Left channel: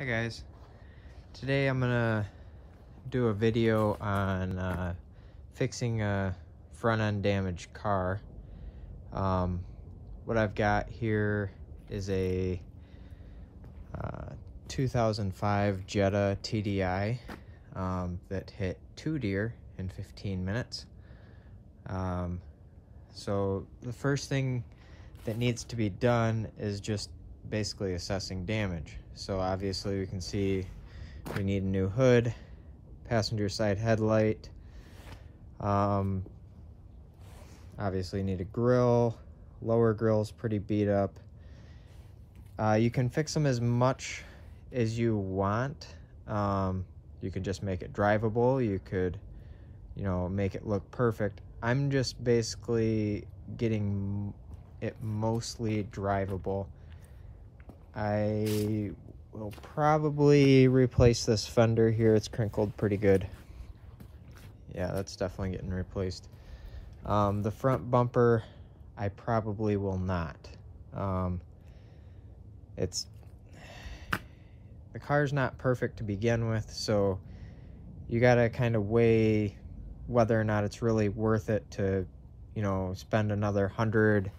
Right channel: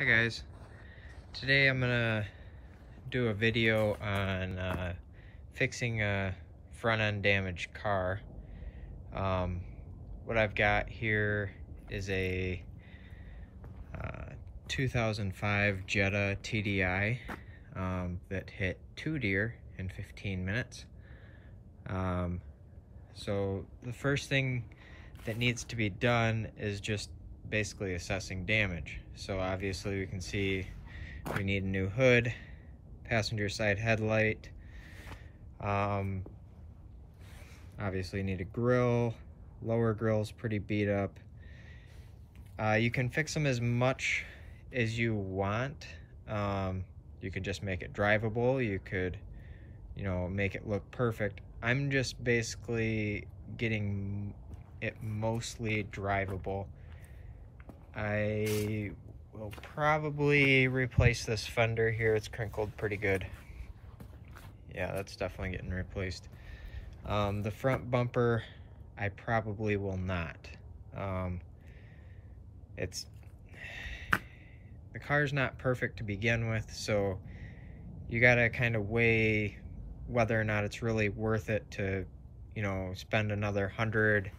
Hi guys, today I'm gonna do a video on fixing a front end damaged car. What I've got here is a 2005 Jetta TDI that hit 2 deer in 15 minutes. So the first thing that needs to be done is just basically assessing damage. So obviously we can see we need a new hood, passenger side headlight, obviously need a grill. Lower grill's pretty beat up. You can fix them as much as you want. You could just make it drivable. You could, make it look perfect. I'm just basically getting it mostly drivable. I will probably replace this fender here. It's crinkled pretty good. Yeah, that's definitely getting replaced. The front bumper, I probably will not. The car's not perfect to begin with, so you gotta kind of weigh whether or not it's really worth it to, spend another $100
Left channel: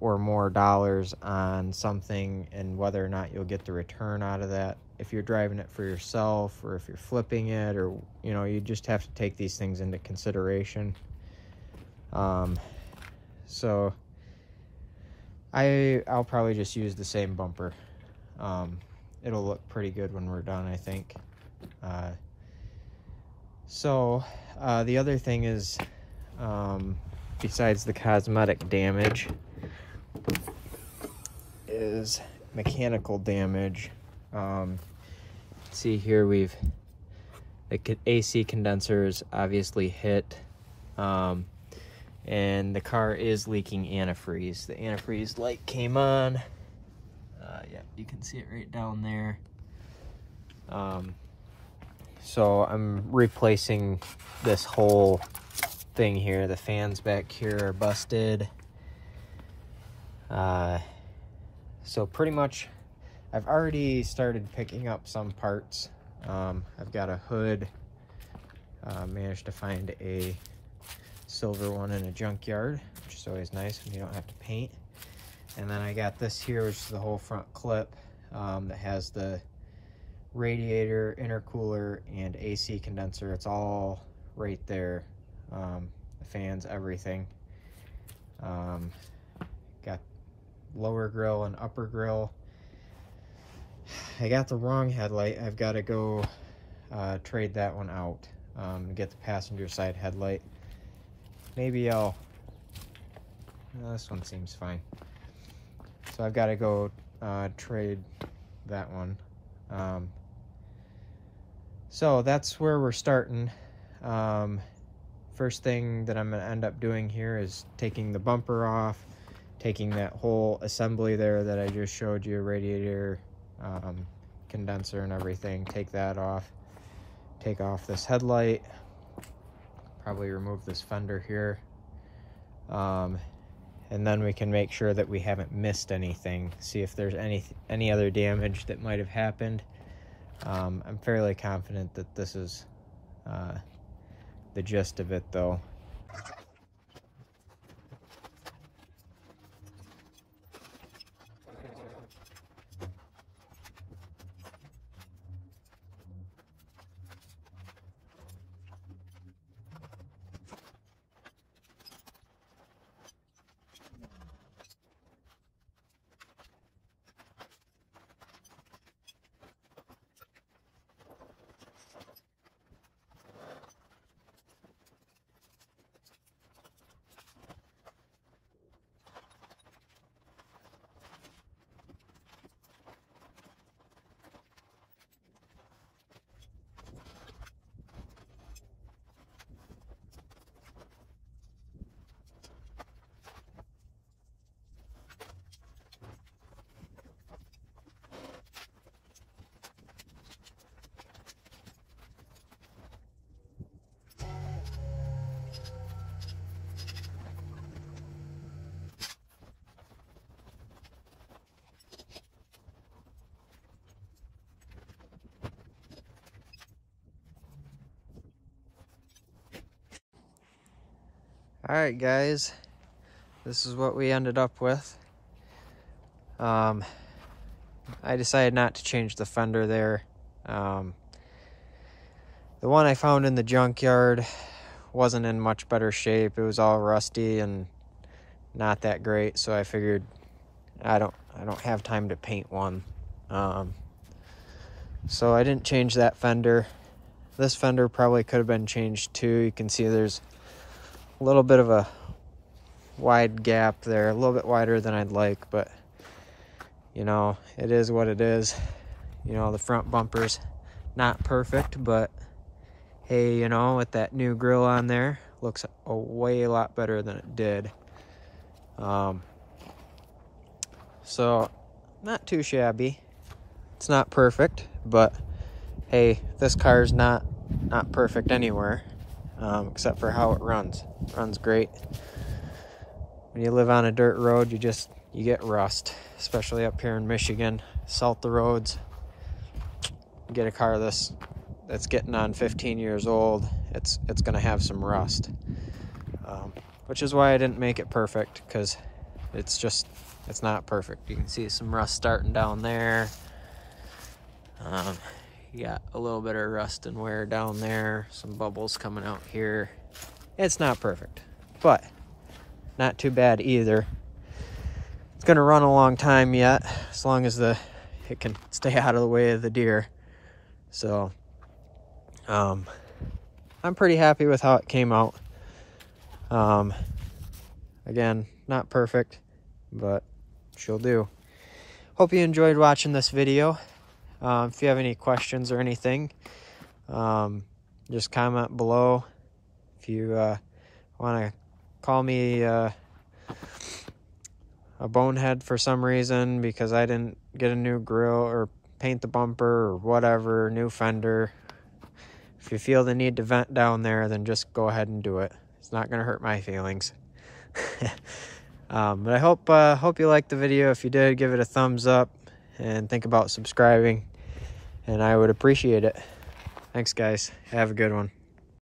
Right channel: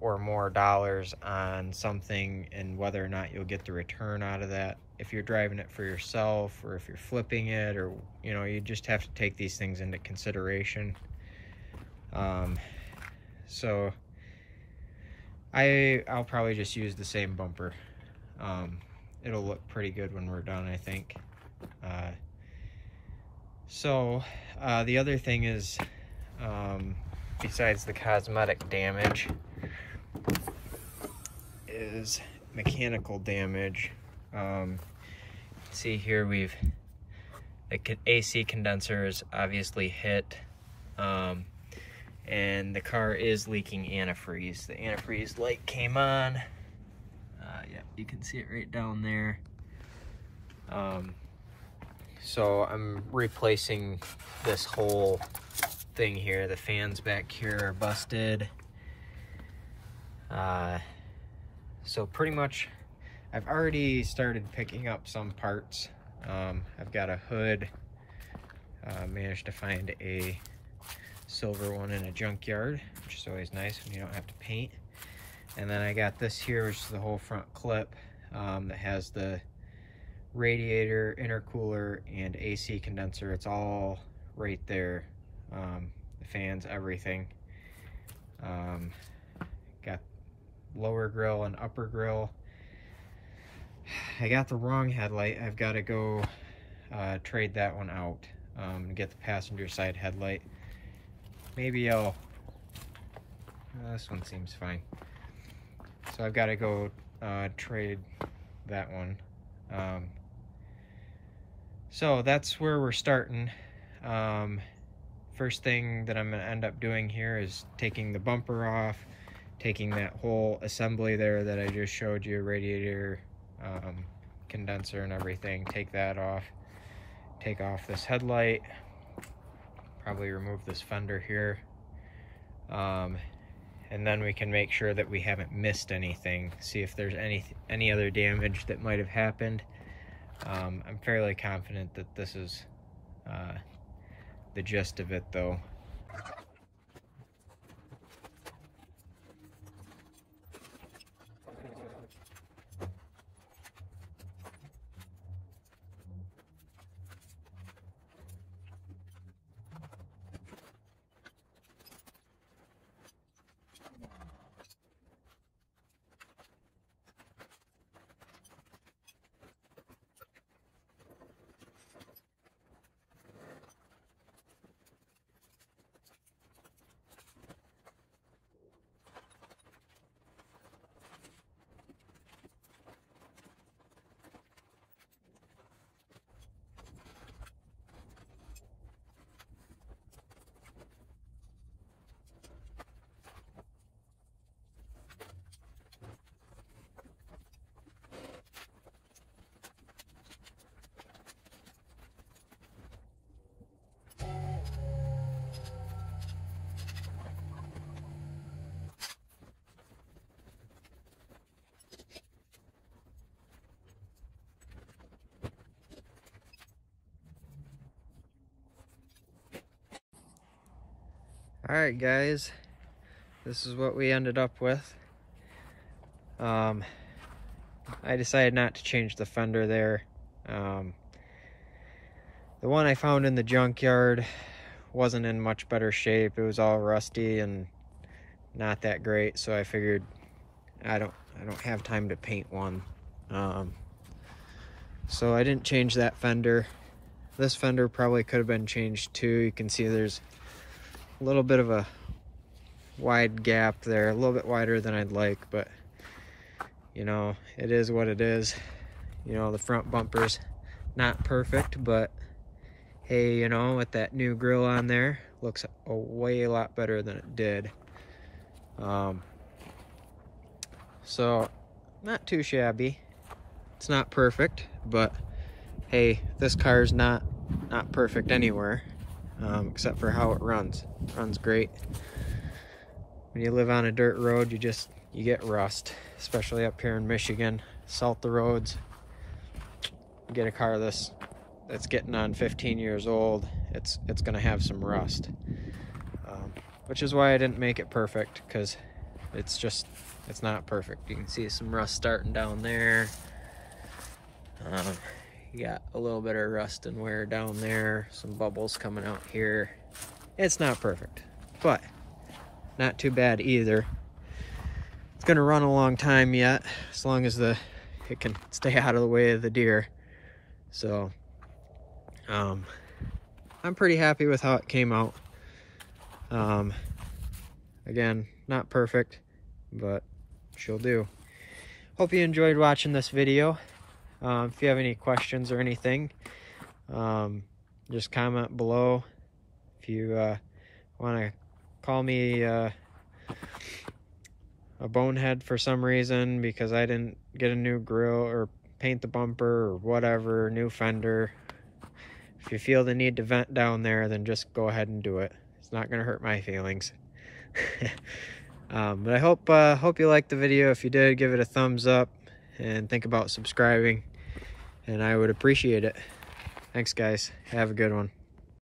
or more dollars on something, and whether or not you'll get the return out of that. If you're driving it for yourself, or if you're flipping it, or you just have to take these things into consideration. So I'll probably just use the same bumper. It'll look pretty good when we're done, I think. The other thing is, besides the cosmetic damage, is mechanical damage. See here, the AC condenser is obviously hit, and the car is leaking antifreeze. The antifreeze light came on. Yeah, you can see it right down there. So I'm replacing this whole thing here. The fans back here are busted. So pretty much I've already started picking up some parts. I've got a hood. Managed to find a silver one in a junkyard, which is always nice when you don't have to paint. And then I got this here, which is the whole front clip, that has the radiator, intercooler, and AC condenser. It's all right there. The fans, everything. Got lower grill and upper grill. I got the wrong headlight. I've got to go trade that one out and get the passenger side headlight. Maybe this one seems fine. So I've got to go trade that one. So that's where we're starting. First thing that I'm going to end up doing here is taking the bumper off, taking that whole assembly there that I just showed you, radiator, condenser and everything, take that off, take off this headlight, probably remove this fender here, and then we can make sure that we haven't missed anything, see if there's any other damage that might have happened. I'm fairly confident that this is the gist of it though. Alright guys, this is what we ended up with. I decided not to change the fender there. The one I found in the junkyard wasn't in much better shape. It was all rusty and not that great, so I figured I don't have time to paint one. So I didn't change that fender. This fender probably could have been changed too. You can see there's a little bit of a wide gap there, a little bit wider than I'd like, but you know, it is what it is. You know, the front bumper's not perfect, but hey, you know, with that new grille on there, looks a lot better than it did. So not too shabby. It's not perfect, but hey, this car's not perfect anywhere, except for how it runs. It runs great. When you live on a dirt road, you get rust, especially up here in Michigan. Salt the roads. You get a car that's getting on 15 years old, it's gonna have some rust, which is why I didn't make it perfect, because it's not perfect. You can see some rust starting down there. You got a little bit of rust and wear down there, some bubbles coming out here. It's not perfect, but not too bad either. It's gonna run a long time yet, as long as it can stay out of the way of the deer. So I'm pretty happy with how it came out. Again, not perfect, but she'll do. Hope you enjoyed watching this video. If you have any questions or anything, just comment below. If you want to call me a bonehead for some reason because I didn't get a new grille or paint the bumper or whatever, new fender, if you feel the need to vent down there, then just go ahead and do it. It's not going to hurt my feelings. But I hope you liked the video. If you did, give it a thumbs up and think about subscribing, and I would appreciate it. Thanks guys, have a good one.